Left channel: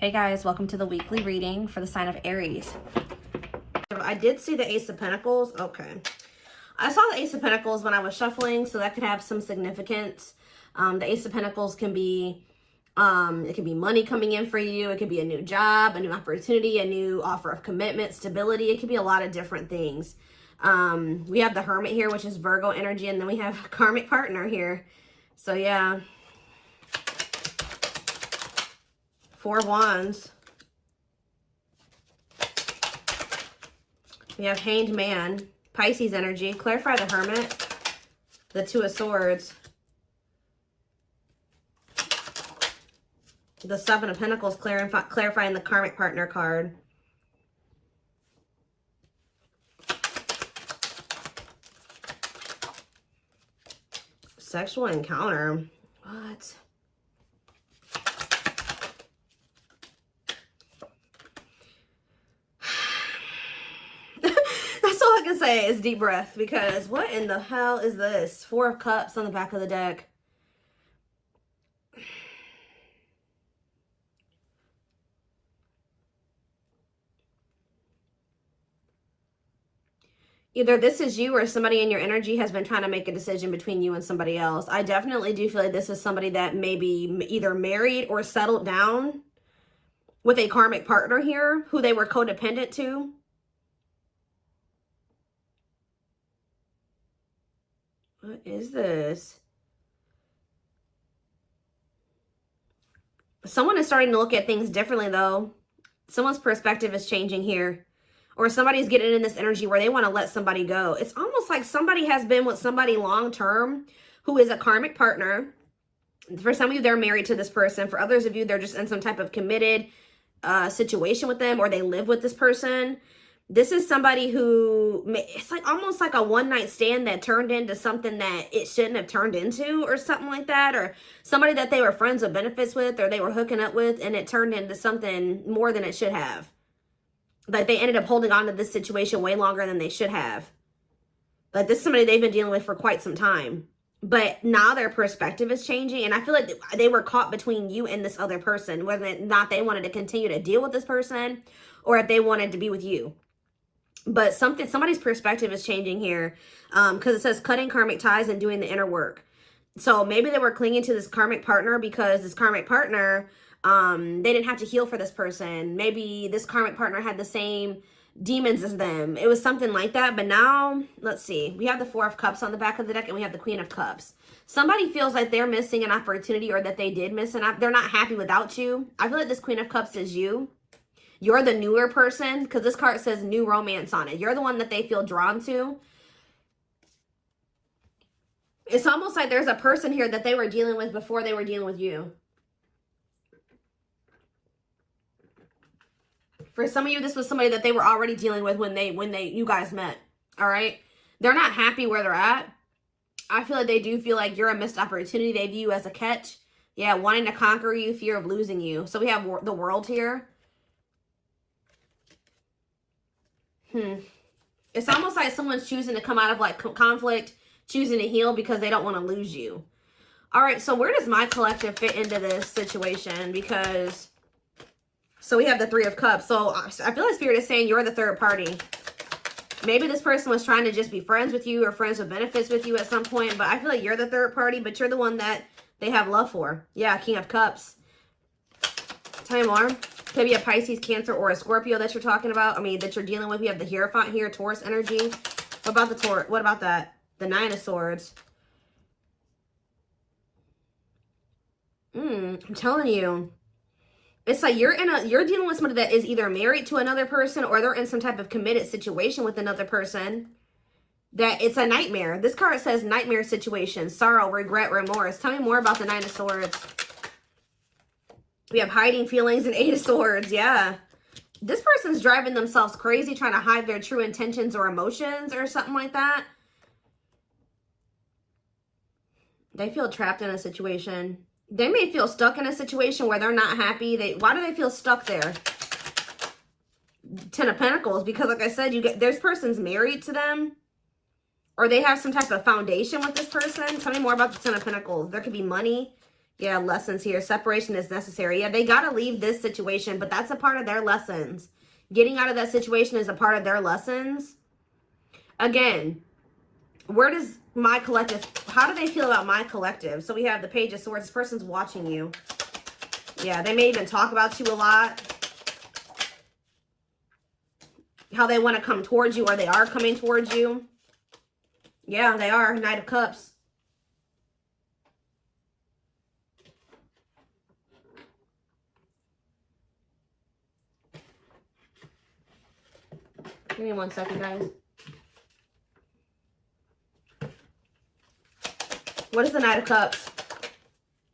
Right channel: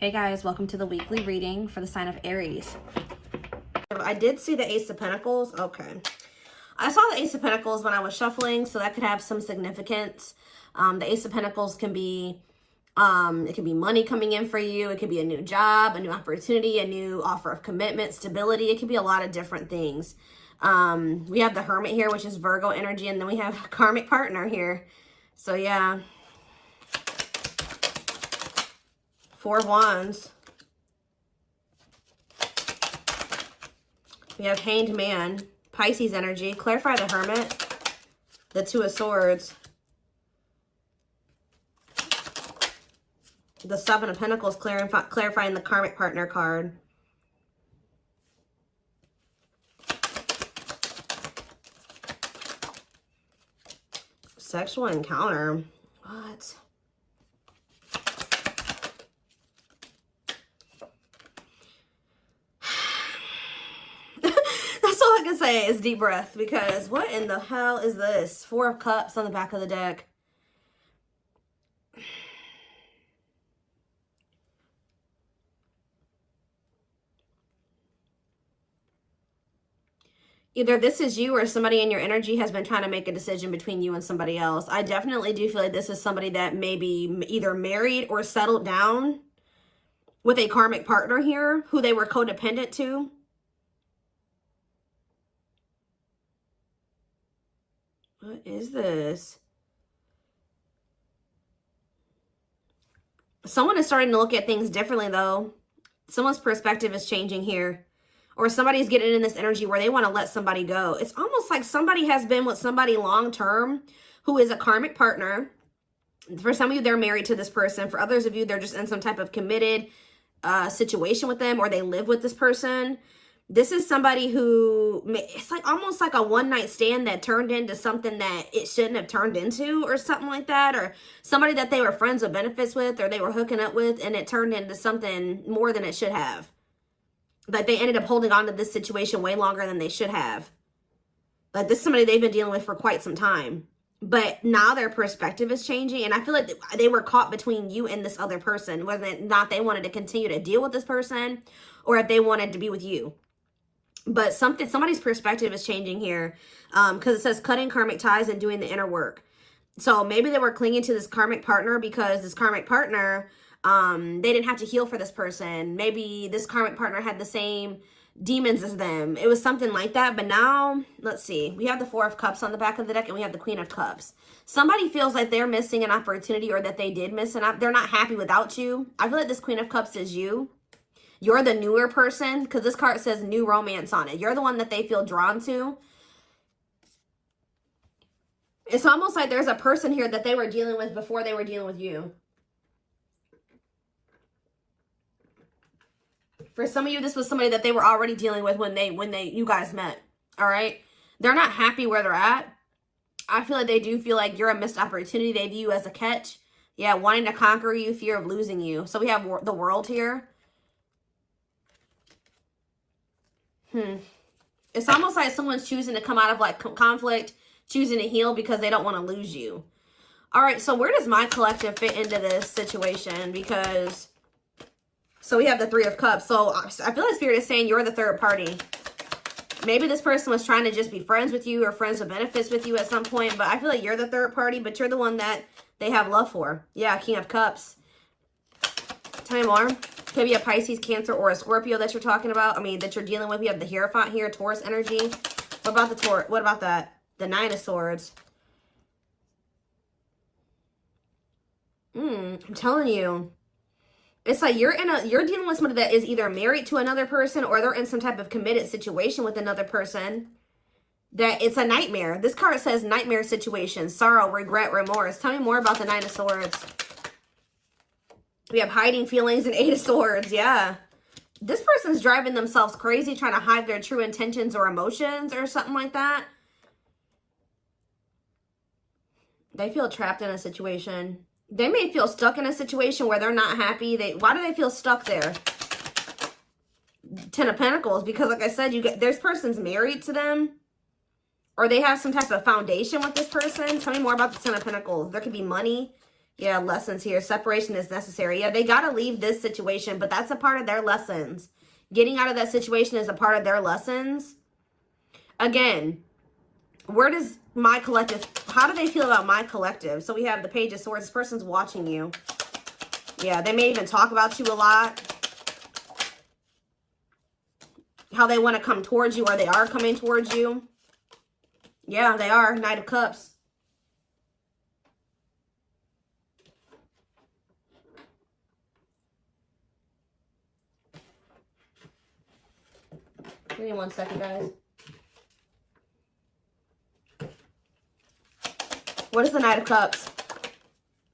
Hey guys, welcome to the weekly reading for the sign of Aries. I did see the Ace of Pentacles. Okay. I saw the Ace of Pentacles when I was shuffling, so that could have some significance. The Ace of Pentacles can be, it can be money coming in for you. It could be a new job, a new opportunity, a new offer of commitment, stability. It could be a lot of different things. We have the Hermit here, which is Virgo energy, and then we have a karmic partner here. So yeah. 4 Wands. We have Hanged Man, Pisces energy. Clarify the Hermit. The 2 of Swords. The 7 of Pentacles, clarifying the karmic partner card. Sexual encounter. What? I can say is deep breath, because what in the hell is this? 4 of Cups on the back of the deck. Either this is you or somebody in your energy has been trying to make a decision between you and somebody else. I definitely do feel like this is somebody that may be either married or settled down with a karmic partner here who they were codependent to. What is this? Someone is starting to look at things differently, though. Someone's perspective is changing here. Or somebody's getting in this energy where they want to let somebody go. It's almost like somebody has been with somebody long-term who is a karmic partner. For some of you, they're married to this person. For others of you, they're just in some type of committed situation with them, or they live with this person. This is somebody who, it's like almost like a one-night stand that turned into something that it shouldn't have turned into, or something like that. Or somebody that they were friends with benefits with, or they were hooking up with, and it turned into something more than it should have. Like they ended up holding on to this situation way longer than they should have. Like this is somebody they've been dealing with for quite some time. But now their perspective is changing. And I feel like they were caught between you and this other person. Whether or not they wanted to continue to deal with this person, or if they wanted to be with you. But somebody's perspective is changing here. Because it says cutting karmic ties and doing the inner work. So maybe they were clinging to this karmic partner because this karmic partner, they didn't have to heal for this person. Maybe this karmic partner had the same demons as them. It was something like that. But now, let's see. We have the 4 of Cups on the back of the deck, and we have the Queen of Cups. Somebody feels like they're missing an opportunity, or that they did miss an opportunity. They're not happy without you. I feel like this Queen of Cups is you. You're the newer person, because this card says new romance on it. You're the one that they feel drawn to. It's almost like there's a person here that they were dealing with before they were dealing with you. For some of you, this was somebody that they were already dealing with when you guys met. All right. They're not happy where they're at. I feel like they do feel like you're a missed opportunity. They view you as a catch. Yeah. Wanting to conquer you, fear of losing you. So we have the World here. It's almost like someone's choosing to come out of like conflict, choosing to heal because they don't want to lose you. All right. So where does my collective fit into this situation? Because so we have the 3 of Cups. So I feel like Spirit is saying you're the third party. Maybe this person was trying to just be friends with you or friends with benefits with you at some point. But I feel like you're the third party, but you're the one that they have love for. Yeah, King of Cups. Tell me more. Could be a Pisces, Cancer, or a Scorpio that you're talking about. I mean, that you're dealing with. We have the Hierophant here, Taurus energy. What about the Taurus? What about that? The 9 of Swords. I'm telling you. It's like you're dealing with somebody that is either married to another person, or they're in some type of committed situation with another person. That it's a nightmare. This card says nightmare situation, sorrow, regret, remorse. Tell me more about the 9 of Swords. We have hiding feelings and 8 of Swords. Yeah. This person's driving themselves crazy, trying to hide their true intentions or emotions or something like that. They feel trapped in a situation. They may feel stuck in a situation where they're not happy. Why do they feel stuck there? 10 of Pentacles. Because like I said, this person's married to them. Or they have some type of foundation with this person. Tell me more about the 10 of Pentacles. There could be money Yeah, lessons here. Separation is necessary. Yeah, they got to leave this situation, but that's a part of their lessons. Getting out of that situation is a part of their lessons. Again, where does my collective, how do they feel about my collective? So we have the Page of Swords. This person's watching you. Yeah, they may even talk about you a lot. How they want to come towards you, or they are coming towards you. Yeah, they are. Knight of Cups. Give me 1 second, guys. What is the Knight of Cups?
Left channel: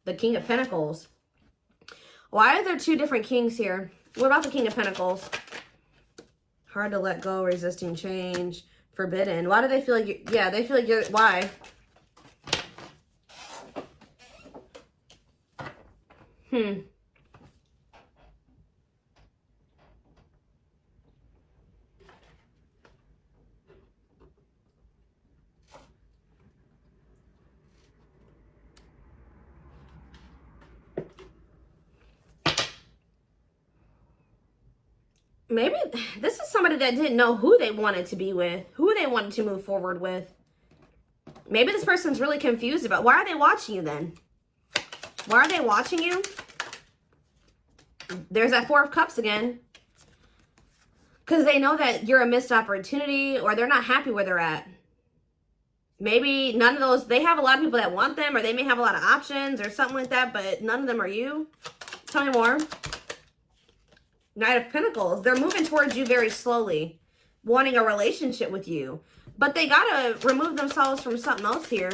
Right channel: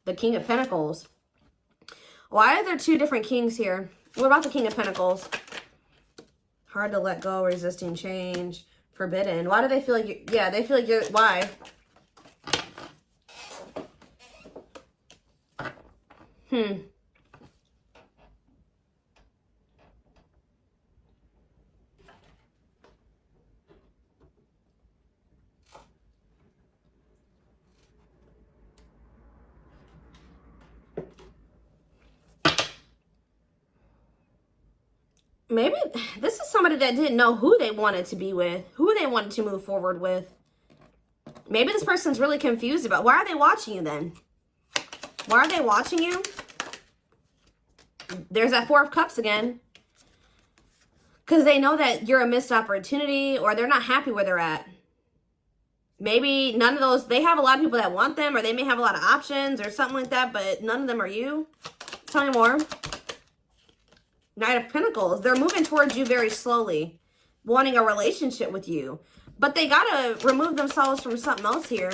The King of Pentacles. Why are there two different kings here? What about the King of Pentacles? Hard to let go, resisting change, forbidden. Why do they feel like you, yeah, they feel like you're, why? Maybe this is somebody that didn't know who they wanted to be with, who they wanted to move forward with. Maybe this person's really confused about, why are they watching you then? Why are they watching you? There's that Four of Cups again. Because they know that you're a missed opportunity, or they're not happy where they're at. Maybe none of those, they have a lot of people that want them, or they may have a lot of options or something like that, but none of them are you. Tell me more. Knight of Pentacles. They're moving towards you very slowly, wanting a relationship with you. But they got to remove themselves from something else here.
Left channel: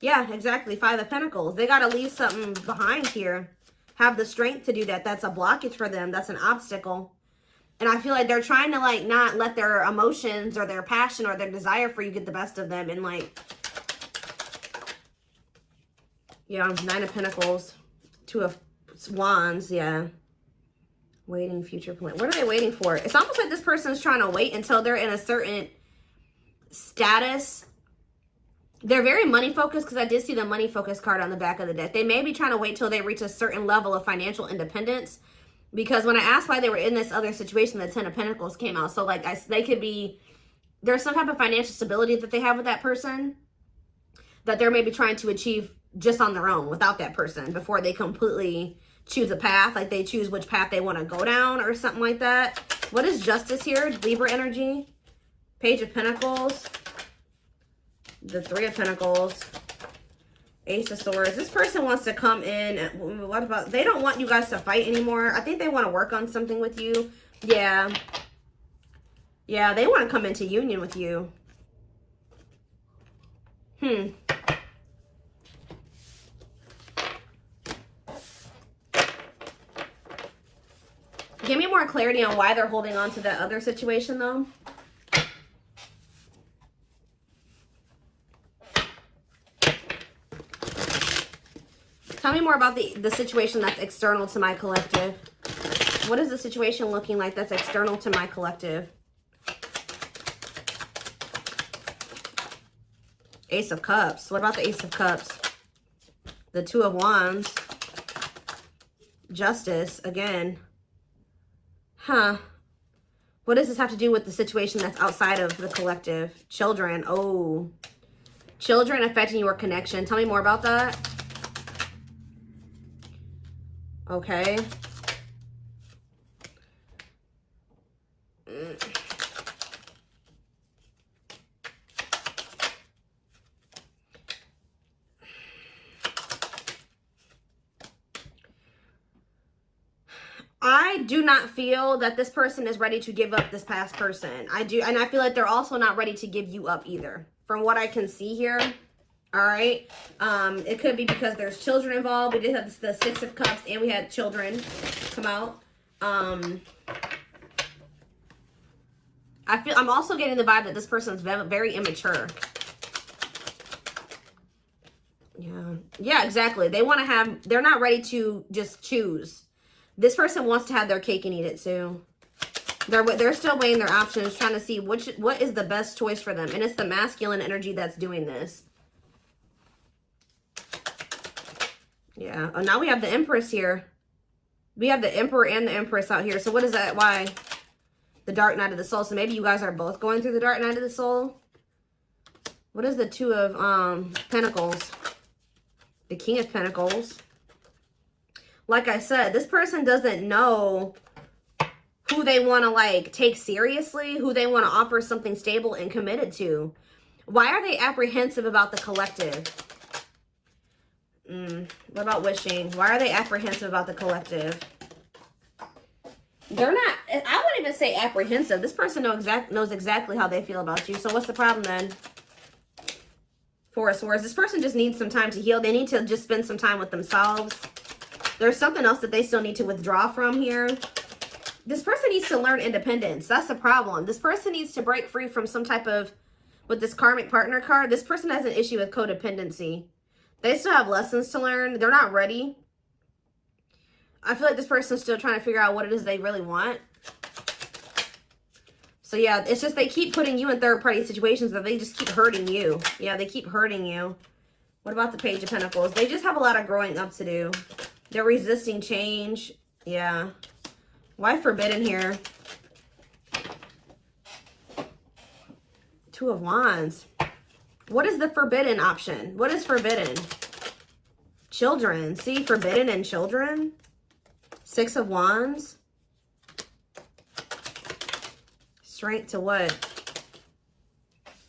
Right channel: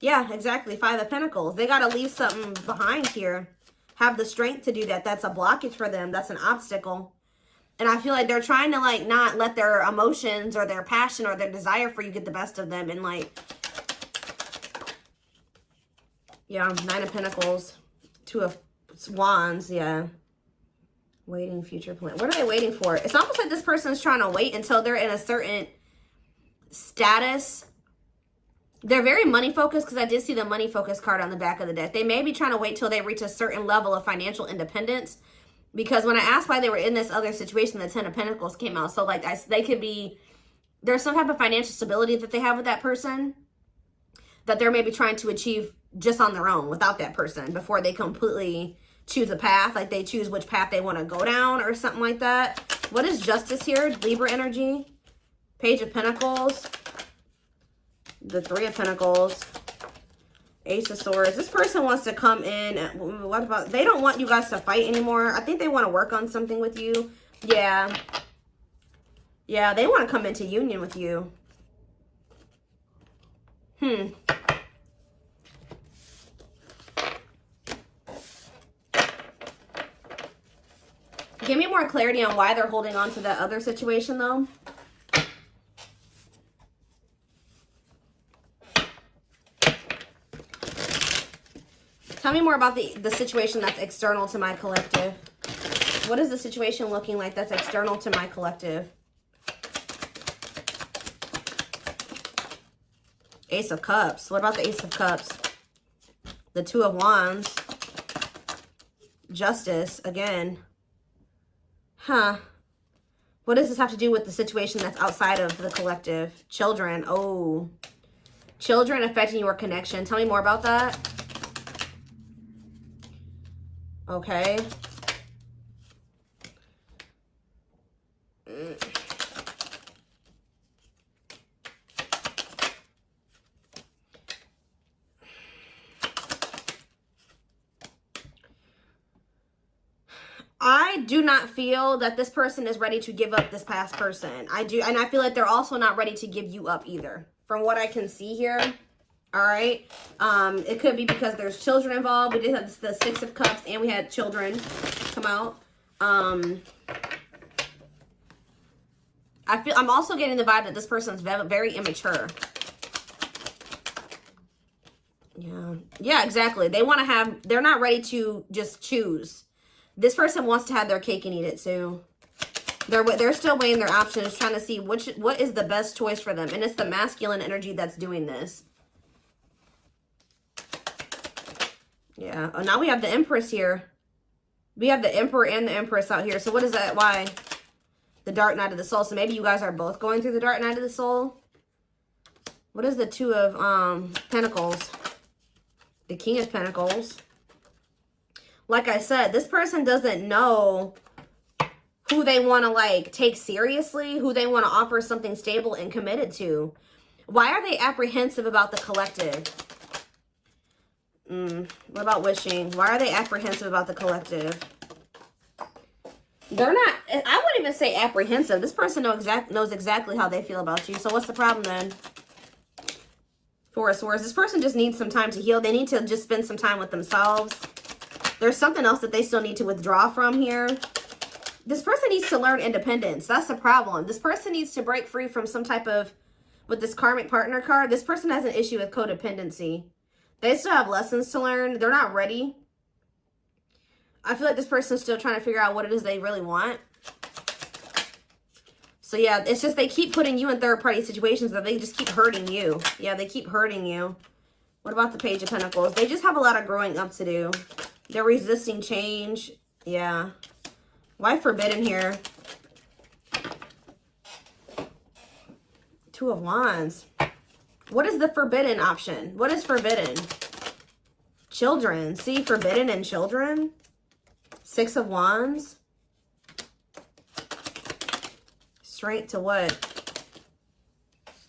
Yeah, exactly. Five of Pentacles. They got to leave something behind here. Have the strength to do that. That's a blockage for them. That's an obstacle. And I feel like they're trying to, like, not let their emotions or their passion or their desire for you get the best of them. And, like, yeah, Nine of Pentacles. Two of Wands, yeah. Waiting, future plan. What are they waiting for? It's almost like this person is trying to wait until they're in a certain status. They're very money focused, because I did see the money focused card on the back of the deck. They may be trying to wait till they reach a certain level of financial independence. Because when I asked why they were in this other situation, the Ten of Pentacles came out. So, like, they could be, there's some type of financial stability that they have with that person that they're maybe trying to achieve just on their own without that person before they completely choose a path. Like, they choose which path they want to go down or something like that. What is Justice here? Libra energy. Page of Pentacles. The Three of Pentacles. Ace of Swords. This person wants to come in. What about, they don't want you guys to fight anymore. I think they want to work on something with you. Yeah. Yeah, they want to come into union with you. Give me more clarity on why they're holding on to that other situation, though. Tell me more about the situation that's external to my collective. What is the situation looking like that's external to my collective? Ace of Cups. What about the Ace of Cups? The Two of Wands. Justice, again. Huh. What does this have to do with the situation that's outside of the collective? Children. Oh. Children affecting your connection. Tell me more about that. Okay. I do not feel that this person is ready to give up this past person. I do, and I feel like they're also not ready to give you up either, from what I can see here. All right. It could be because there's children involved. We did have the Six of Cups, and we had children come out. I'm also getting the vibe that this person's very immature. Yeah, exactly. They want to have, they're not ready to just choose. This person wants to have their cake and eat it too. They're still weighing their options, trying to see what is the best choice for them. And it's the masculine energy that's doing this. Yeah. Oh, now we have the Empress here. We have the Emperor and the Empress out here. So what is that? Why? The Dark Night of the Soul. So maybe you guys are both going through the Dark Night of the Soul. What is the Two of Pentacles? The King of Pentacles. Like I said, this person doesn't know who they want to like take seriously, who they want to offer something stable and committed to. Why are they apprehensive about the collective? What about wishing? Why are they apprehensive about the collective? They're not, I wouldn't even say apprehensive. This person knows exactly how they feel about you. So what's the problem then? Four of Swords. This person just needs some time to heal. They need to just spend some time with themselves. There's something else that they still need to withdraw from here. This person needs to learn independence. That's the problem. This person needs to break free from some type of, with this karmic partner card, this person has an issue with codependency. They still have lessons to learn. They're not ready. I feel like this person's still trying to figure out what it is they really want. So yeah, it's just they keep putting you in third-party situations where they just keep hurting you. Yeah, they keep hurting you. What about the Page of Pentacles? They just have a lot of growing up to do. They're resisting change. Yeah. Why forbidden here? Two of Wands. What is the forbidden option? What is forbidden? Children. See, forbidden and children. Six of Wands. Straight to what?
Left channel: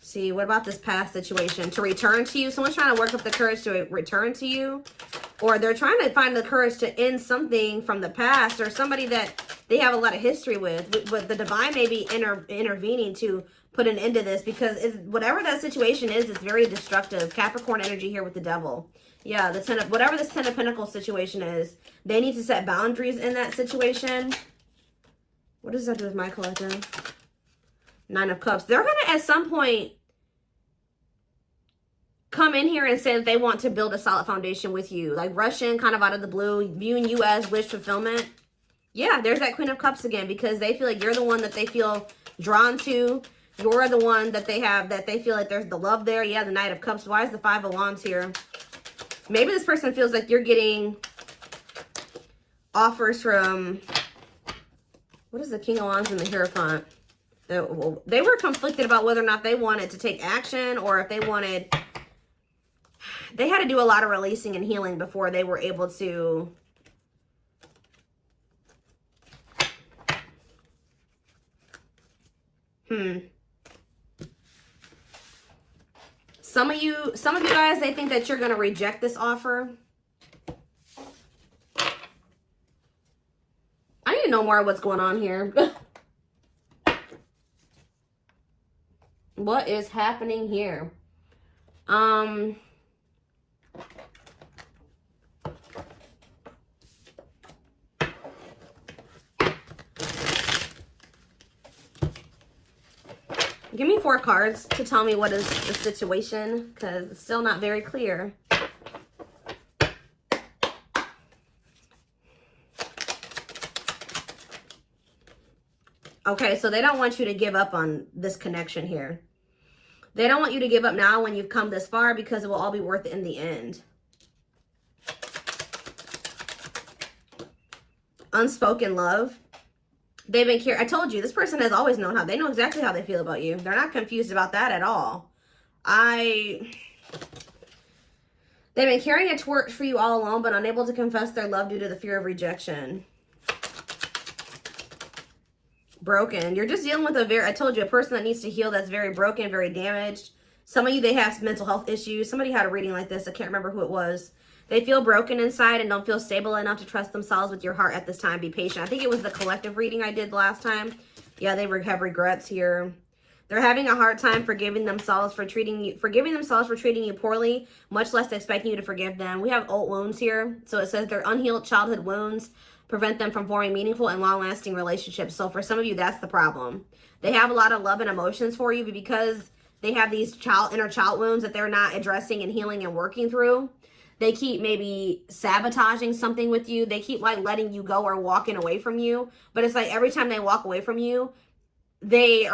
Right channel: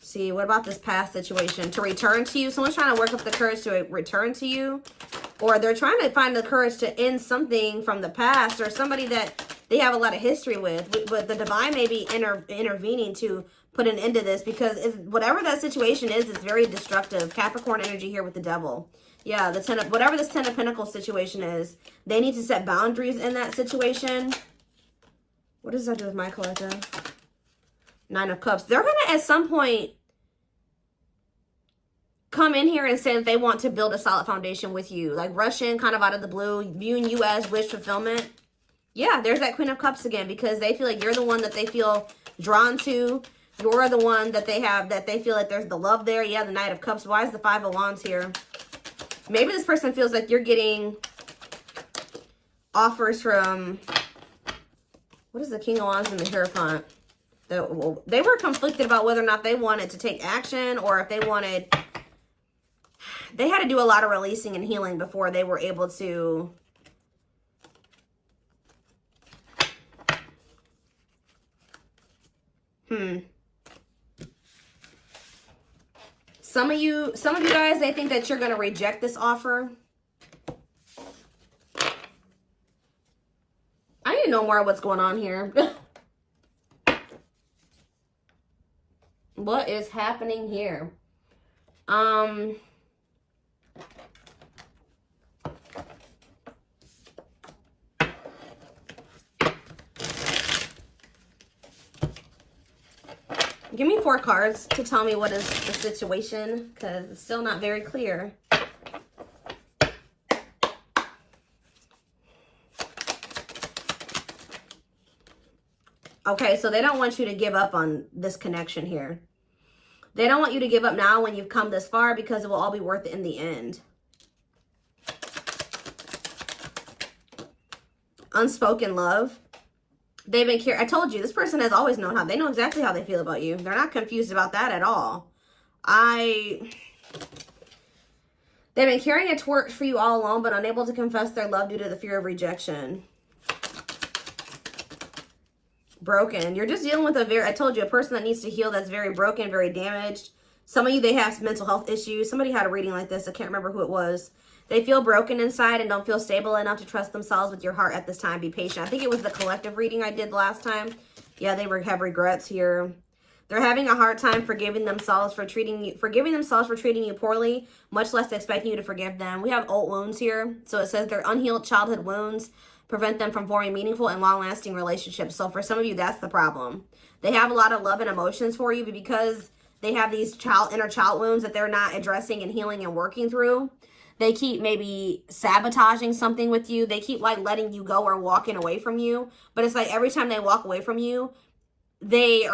See, what about this past situation? To return to you. Someone's trying to work up the courage to return to you. Or they're trying to find the courage to end something from the past. Or somebody that they have a lot of history with. But the divine may be intervening to put an end to this. Because whatever that situation is, it's very destructive. Capricorn energy here with the Devil. Yeah, the Ten of, whatever this Ten of Pentacles situation is, they need to set boundaries in that situation. What does that do with my collective? Nine of Cups. They're going to, at some point, come in here and say that they want to build a solid foundation with you. Like rush in kind of out of the blue. You and US wish fulfillment. Yeah, there's that Queen of Cups again, because they feel like you're the one that they feel drawn to. You're the one that they have, that they feel like there's the love there. Yeah, the Knight of Cups. Why is the Five of Wands here? Maybe this person feels like you're getting offers from, what is the King of Wands and the Hierophant? They were conflicted about whether or not they wanted to take action, or if they wanted, they had to do a lot of releasing and healing before they were able to Some of you guys, they think that you're going to reject this offer. I need to know more of what's going on here. What is happening here? Give me 4 cards to tell me what is the situation, because it's still not very clear. Okay, so they don't want you to give up on this connection here. They don't want you to give up now when you've come this far, because it will all be worth it in the end. Unspoken love. They've been I told you, this person has always known how. They know exactly how they feel about you. They're not confused about that at all. They've been carrying a torch for you all along, but unable to confess their love due to the fear of rejection. Broken. You're just dealing with I told you, a person that needs to heal, that's very broken, very damaged. Some of you, they have some mental health issues. Somebody had a reading like this. I can't remember who it was. They feel broken inside and don't feel stable enough to trust themselves with your heart at this time. Be patient. I think it was the collective reading I did last time. Yeah, they have regrets here. They're having a hard time forgiving themselves for treating you poorly, much less expecting you to forgive them. We have old wounds here. So it says their unhealed childhood wounds prevent them from forming meaningful and long-lasting relationships. So for some of you, that's the problem. They have a lot of love and emotions for you, but because they have these inner child wounds that they're not addressing and healing and working through, they keep maybe sabotaging something with you. They keep like letting you go or walking away from you. But it's like every time they walk away from you, they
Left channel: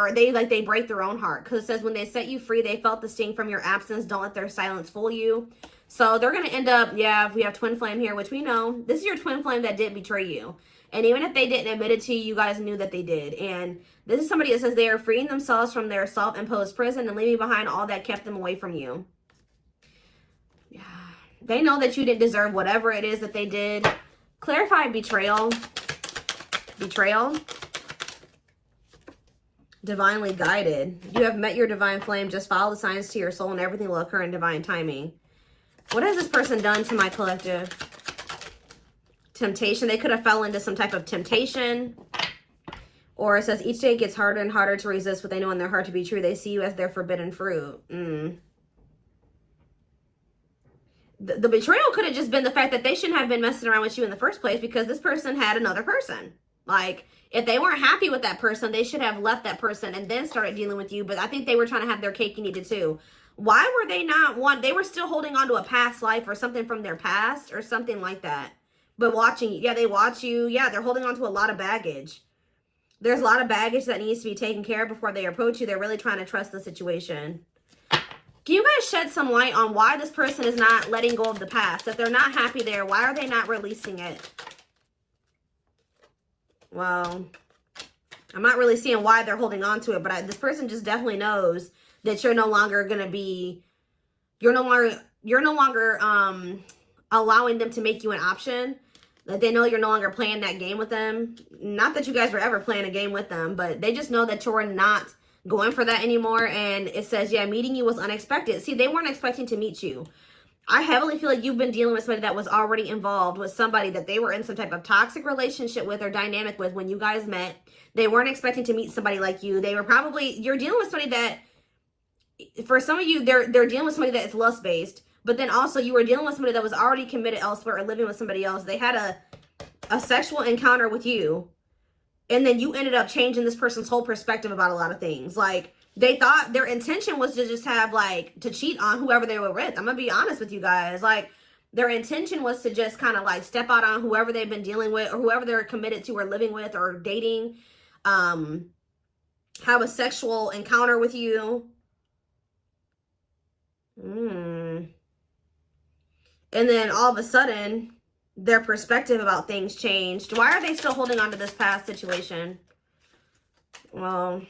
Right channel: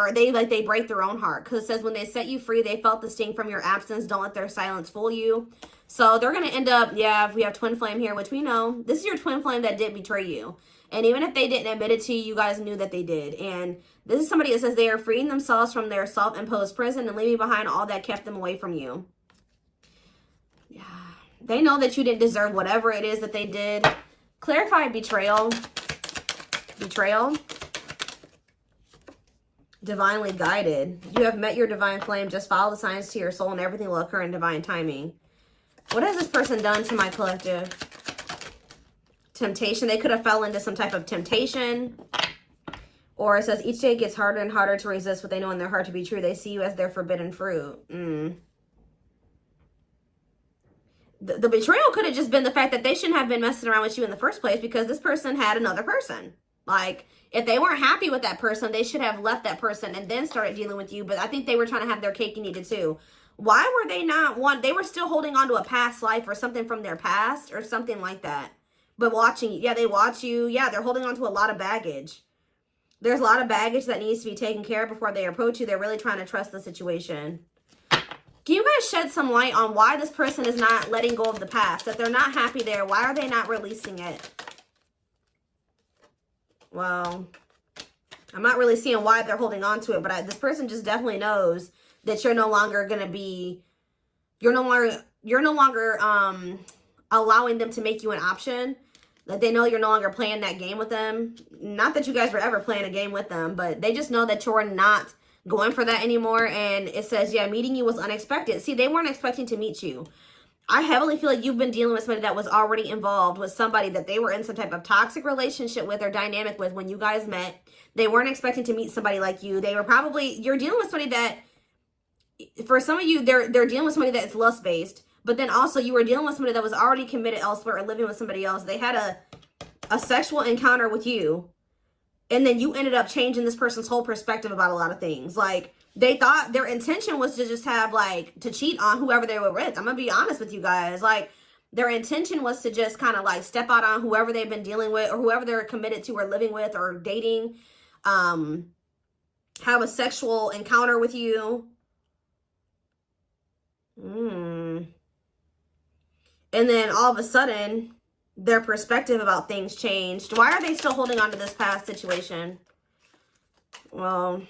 break their own heart. Because it says when they set you free, they felt the sting from your absence. Don't let their silence fool you. So they're going to end up, yeah, we have twin flame here, which we know. This is your twin flame that did betray you. And even if they didn't admit it to you, you guys knew that they did. And this is somebody that says they are freeing themselves from their self-imposed prison and leaving behind all that kept them away from you. Yeah. They know that you didn't deserve whatever it is that they did. Clarify betrayal. Betrayal. Divinely guided. You have met your divine flame. Just follow the signs to your soul and everything will occur in divine timing. What has this person done to my collective? Temptation. They could have fell into some type of temptation. Or it says each day gets harder and harder to resist what they know in their heart to be true. They see you as their forbidden fruit. The betrayal could have just been the fact that they shouldn't have been messing around with you in the first place because this person had another person. Like, if they weren't happy with that person, they should have left that person and then started dealing with you. But I think they were trying to have their cake and eat it too. Why were they not they were still holding on to a past life or something from their past or something like that. But watching, yeah, they watch you. Yeah, they're holding on to a lot of baggage. There's a lot of baggage that needs to be taken care of before they approach you. They're really trying to trust the situation. Can you guys shed some light on why this person is not letting go of the past? That they're not happy there. Why are they not releasing it? Well, I'm not really seeing why they're holding on to it, but this person just definitely knows that you're no longer going to be, you're no longer allowing them to make you an option. Like, they know you're no longer playing that game with them. Not that you guys were ever playing a game with them, but they just know that you're not going for that anymore. And it says, yeah, meeting you was unexpected. See, they weren't expecting to meet you. I heavily feel like you've been dealing with somebody that was already involved with somebody that they were in some type of toxic relationship with or dynamic with when you guys met. They weren't expecting to meet somebody like you. They were probably, you're dealing with somebody that, for some of you, they're dealing with somebody that's lust-based. But then also you were dealing with somebody that was already committed elsewhere or living with somebody else. They had a sexual encounter with you. And then you ended up changing this person's whole perspective about a lot of things. Like, they thought their intention was to just have, like, to cheat on whoever they were with. I'm going to be honest with you guys. Like, their intention was to just kind of, like, step out on whoever they've been dealing with or whoever they're committed to or living with or dating. Have a sexual encounter with you. And then all of a sudden, their perspective about things changed. Why are they still holding on to this past situation? Well,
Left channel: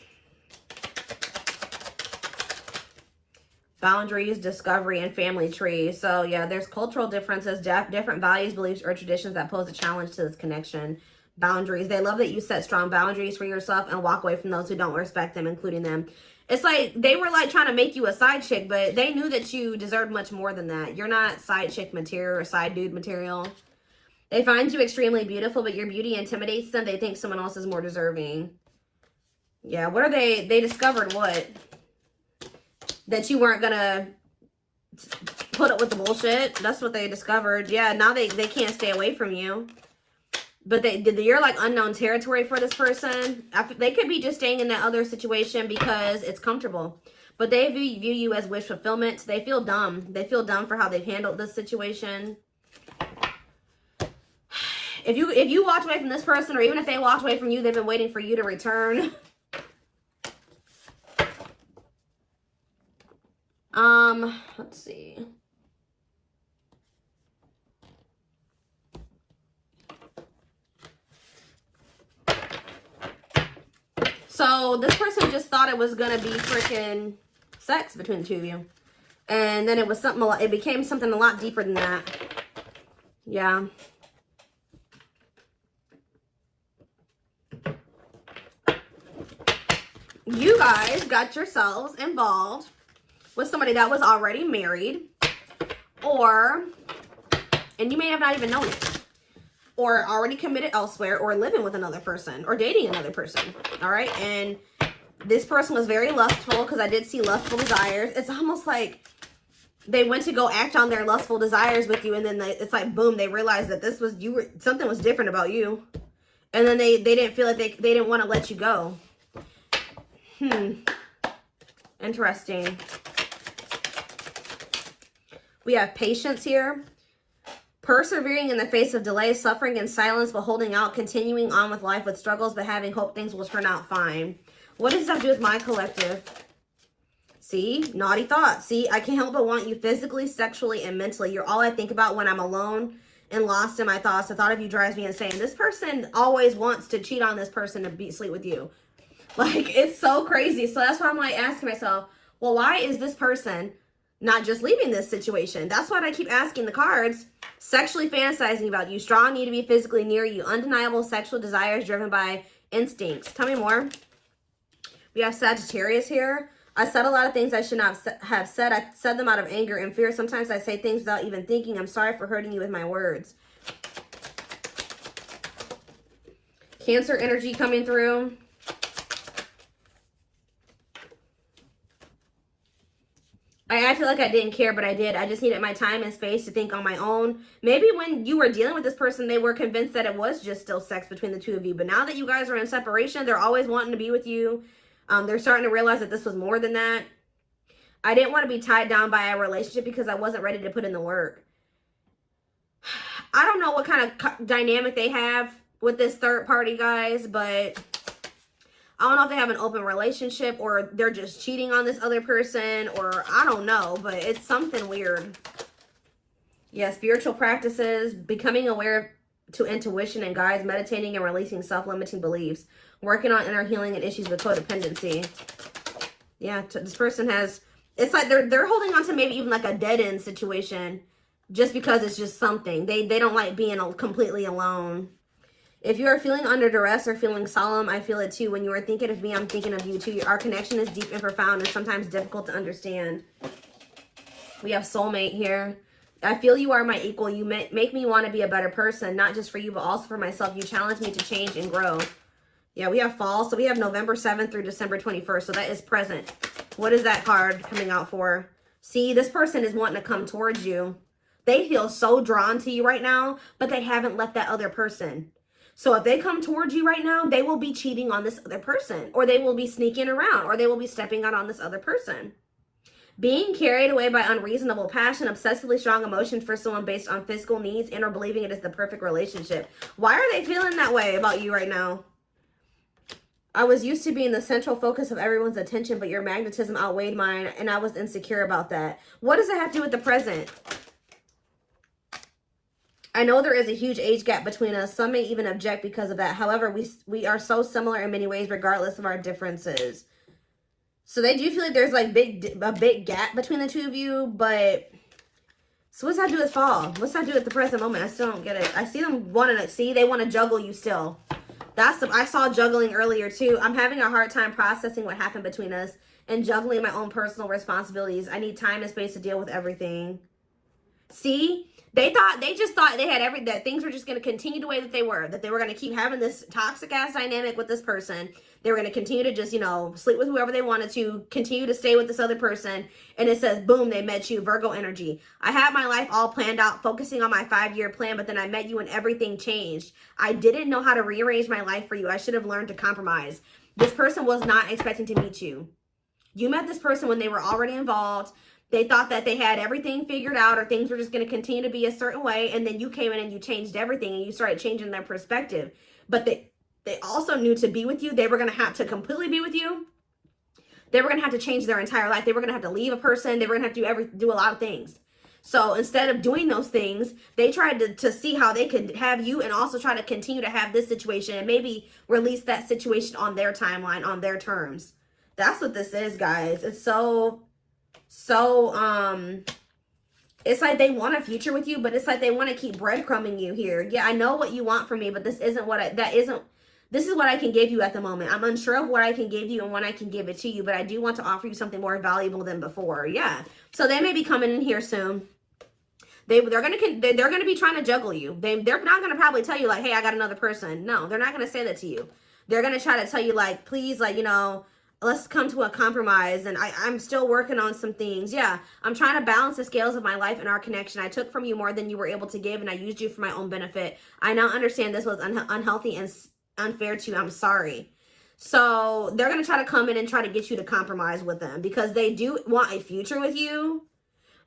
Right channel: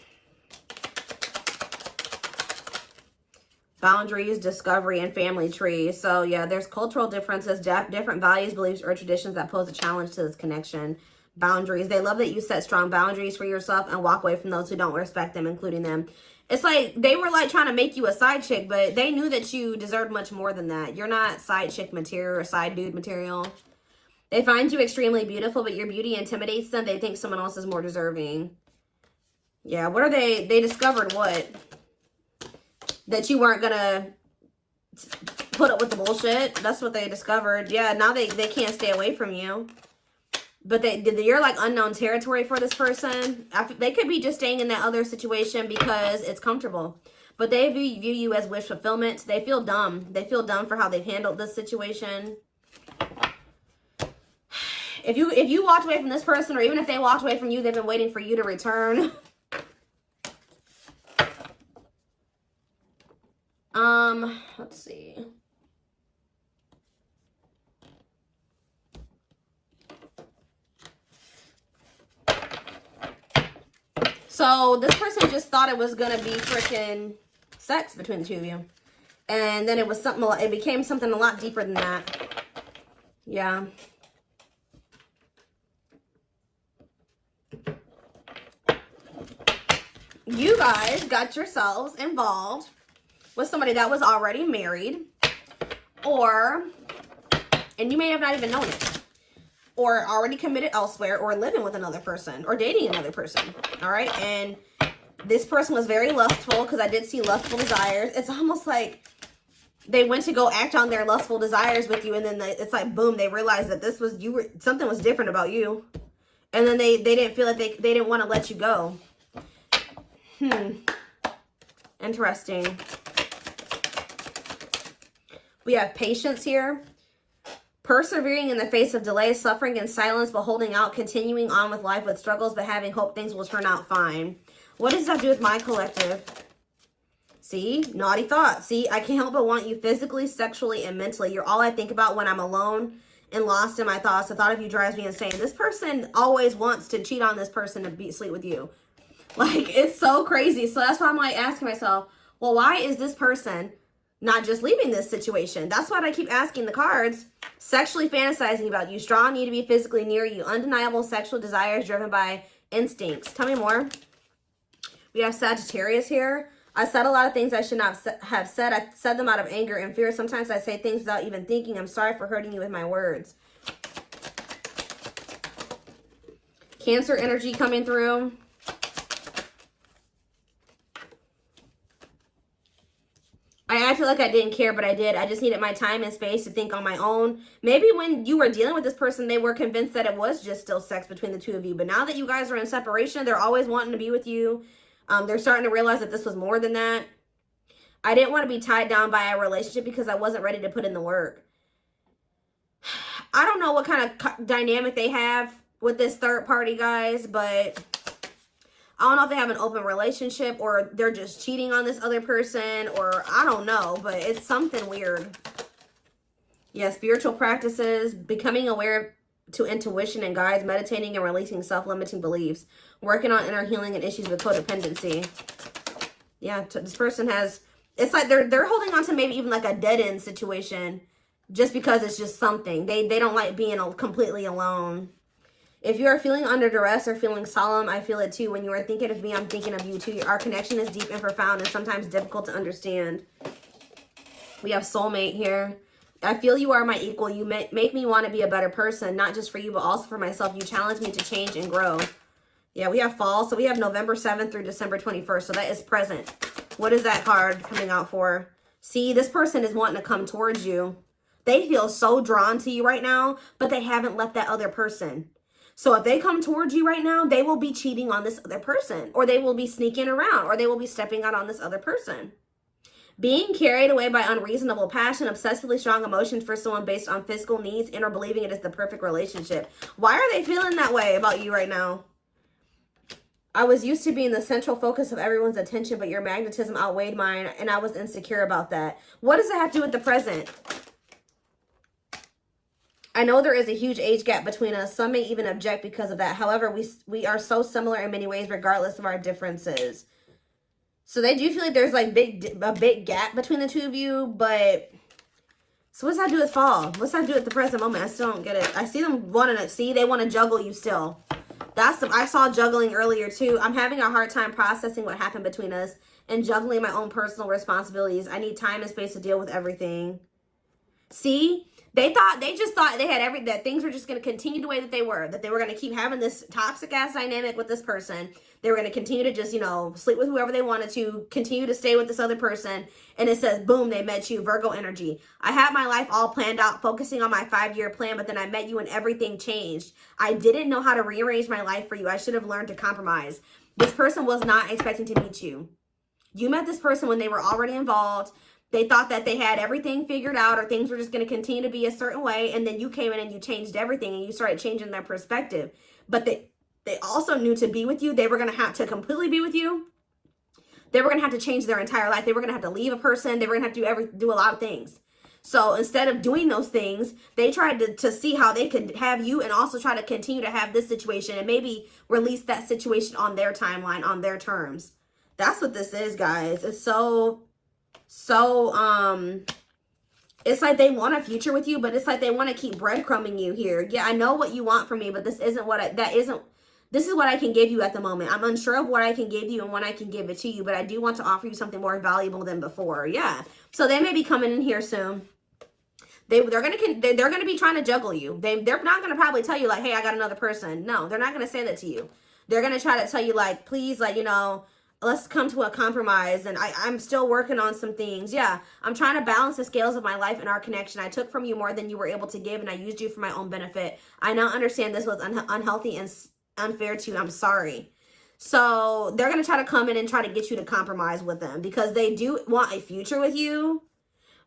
boundaries, discovery, and family trees. So yeah, there's cultural differences, different values, beliefs, or traditions that pose a challenge to this connection. Boundaries. They love that you set strong boundaries for yourself and walk away from those who don't respect them, including them. It's like they were like trying to make you a side chick, but they knew that you deserved much more than that. You're not side chick material or side dude material. They find you extremely beautiful, but your beauty intimidates them. They think someone else is more deserving. Yeah, what are they? They discovered what? That you weren't going to put up with the bullshit. That's what they discovered. Yeah, now they can't stay away from you. But you're like unknown territory for this person. They could be just staying in that other situation because it's comfortable. But they view you as wish fulfillment. They feel dumb. They feel dumb for how they've handled this situation. If you walked away from this person, or even if they walked away from you, they've been waiting for you to return. Let's see. So this person just thought it was gonna be freaking sex between the two of you, and then it was something. It became something a lot deeper than that. Yeah. You guys got yourselves involved with somebody that was already married, and you may have not even known it, or already committed elsewhere, or living with another person, or dating another person, all right? And this person was very lustful, because I did see lustful desires. It's almost like they went to go act on their lustful desires with you, and then it's like, boom, they realized that something was different about you, and then they didn't feel like they didn't want to let you go. Interesting. We have patience here. Persevering in the face of delay, suffering, and silence while holding out, continuing on with life with struggles, but having hope things will turn out fine. What does that do with my collective? See, naughty thoughts. See, I can't help but want you physically, sexually, and mentally. You're all I think about when I'm alone and lost in my thoughts. The thought of you drives me insane. This person always wants to cheat on this person to sleep with you. Like, it's so crazy. So that's why I'm like asking myself, well, why is this person not just leaving this situation? That's what I keep asking the cards. Sexually fantasizing about you. Strong need to be physically near you. Undeniable sexual desires driven by instincts. Tell me more. We have Sagittarius here. I said a lot of things I should not have said. I said them out of anger and fear. Sometimes I say things without even thinking. I'm sorry for hurting you with my words. Cancer energy coming through. I acted like I didn't care, but I did. I just needed my time and space to think on my own. Maybe when you were dealing with this person, they were convinced that it was just still sex between the two of you. But now that you guys are in separation, they're always wanting to be with you. They're starting to realize that this was more than that. I didn't want to be tied down by a relationship because I wasn't ready to put in the work. I don't know what kind of dynamic they have with this third party, guys, but I don't know if they have an open relationship or they're just cheating on this other person, or I don't know, but it's something weird. Yeah, spiritual practices, becoming aware to intuition and guides, meditating and releasing self-limiting beliefs, working on inner healing and issues with codependency. Yeah, this person has, it's like they're holding on to maybe even like a dead-end situation just because it's just something. They don't like being completely alone. If you're feeling under duress or feeling solemn, I feel it too. When you are thinking of me, I'm thinking of you too. Our connection is deep and profound and sometimes difficult to understand. We have soulmate here. I feel you are my equal. You make me want to be a better person, not just for you, but also for myself. You challenge me to change and grow. Yeah, we have fall. So we have November 7th through December 21st. So that is present. What is that card coming out for? See, this person is wanting to come towards you. They feel so drawn to you right now, but they haven't left that other person. So if they come towards you right now, they will be cheating on this other person, or they will be sneaking around, or they will be stepping out on this other person. Being carried away by unreasonable passion, obsessively strong emotions for someone based on physical needs, and or believing it is the perfect relationship. Why are they feeling that way about you right now? I was used to being the central focus of everyone's attention, but your magnetism outweighed mine, and I was insecure about that. What does it have to do with the present? I know there is a huge age gap between us. Some may even object because of that. However, we are so similar in many ways, regardless of our differences. So they do feel like there's like a big gap between the two of you, but so what's that do with fall? What's that do with the present moment? I still don't get it. I see them wanting to see, they want to juggle you still. I saw juggling earlier too. I'm having a hard time processing what happened between us and juggling my own personal responsibilities. I need time and space to deal with everything. See? They just thought they had that things were just going to continue the way that they were going to keep having this toxic ass dynamic with this person. They were going to continue to just, you know, sleep with whoever they wanted to, continue to stay with this other person. And it says, boom, they met you, Virgo energy. I had my life all planned out, focusing on my 5-year plan, but then I met you and everything changed. I didn't know how to rearrange my life for you. I should have learned to compromise. This person was not expecting to meet you. You met this person when they were already involved. They thought that they had everything figured out, or things were just going to continue to be a certain way. And then you came in and you changed everything and you started changing their perspective. But they also knew to be with you, they were going to have to completely be with you. They were going to have to change their entire life. They were going to have to leave a person. They were going to have to do a lot of things. So instead of doing those things, they tried to see how they could have you and also try to continue to have this situation and maybe release that situation on their timeline, on their terms. That's what this is, guys. It's so it's like they want a future with you, but it's like they want to keep breadcrumbing you here. Yeah, I know what you want from me, but this isn't this is what I can give you at the moment. I'm unsure of what I can give you and when I can give it to you, but I do want to offer you something more valuable than before. Yeah. So they may be coming in here soon. They're gonna be trying to juggle you. They're not gonna probably tell you like, hey, I got another person. No, they're not gonna say that to you. They're gonna try to tell you like, please, like, you know, let's come to a compromise, and I'm still working on some things. Yeah, I'm trying to balance the scales of my life and our connection. I took from you more than you were able to give, and I used you for my own benefit. I now understand this was unhealthy and unfair to you. I'm sorry. So they're going to try to come in and try to get you to compromise with them because they do want a future with you.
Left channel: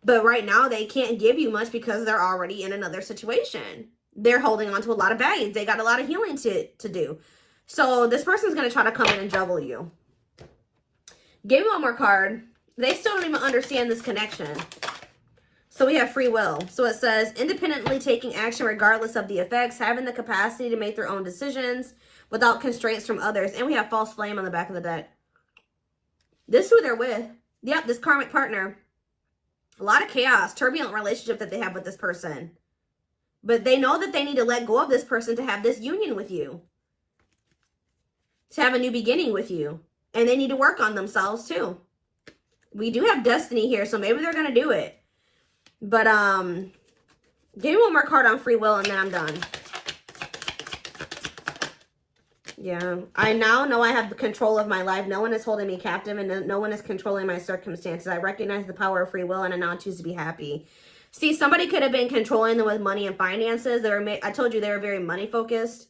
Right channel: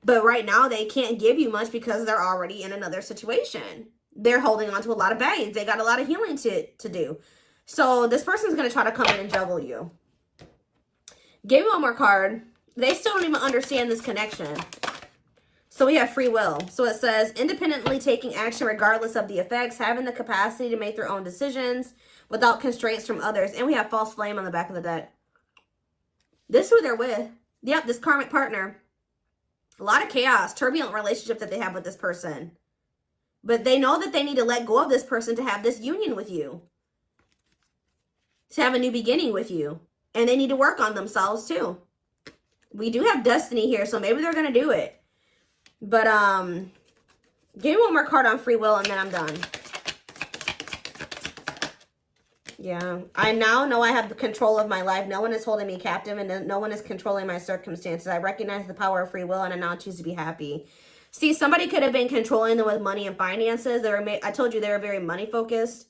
But right now they can't give you much because they're already in another situation. They're holding on to a lot of baggage. They got a lot of healing to do. So this person's going to try to come in and juggle you. Give me one more card. They still don't even understand this connection. So we have free will. So it says, independently taking action regardless of the effects, having the capacity to make their own decisions without constraints from others. And we have false flame on the back of the deck. This is who they're with. Yep, this karmic partner. A lot of chaos, turbulent relationship that they have with this person. But they know that they need to let go of this person to have this union with you. To have a new beginning with you. And they need to work on themselves too. We do have destiny here, so maybe they're going to do it. But, give me one more card on free will and then I'm done. Yeah, I now know I have the control of my life. No one is holding me captive and no one is controlling my circumstances. I recognize the power of free will and I now choose to be happy. See, somebody could have been controlling them with money and finances. I told you they were very money focused.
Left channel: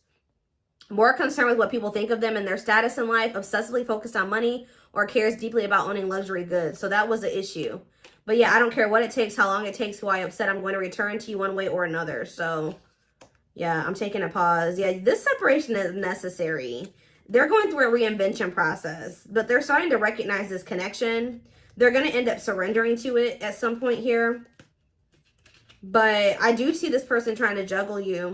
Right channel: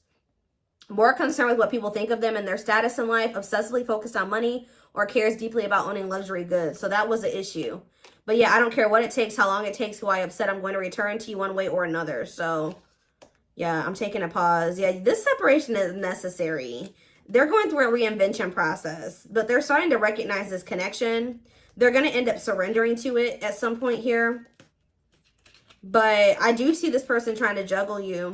More concerned with what people think of them and their status in life. Obsessively focused on money or cares deeply about owning luxury goods. So that was the issue. But yeah, I don't care what it takes, how long it takes, who I upset. I'm going to return to you one way or another. So yeah, I'm taking a pause. Yeah, this separation is necessary. They're going through a reinvention process, but they're starting to recognize this connection. They're going to end up surrendering to it at some point here. But I do see this person trying to juggle you.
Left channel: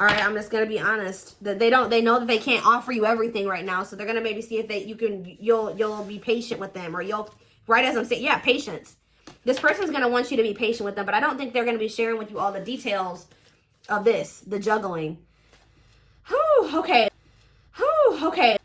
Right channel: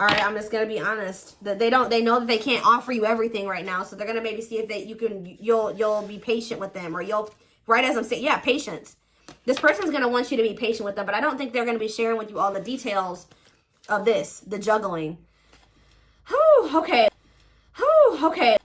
All right, I'm just going to be honest. They know that they can't offer you everything right now. So they're going to maybe see if you'll be patient with them, or right as I'm saying, yeah, patience. This person's going to want you to be patient with them, but I don't think they're going to be sharing with you all the details of this, the juggling. Whew, okay. Whew, okay.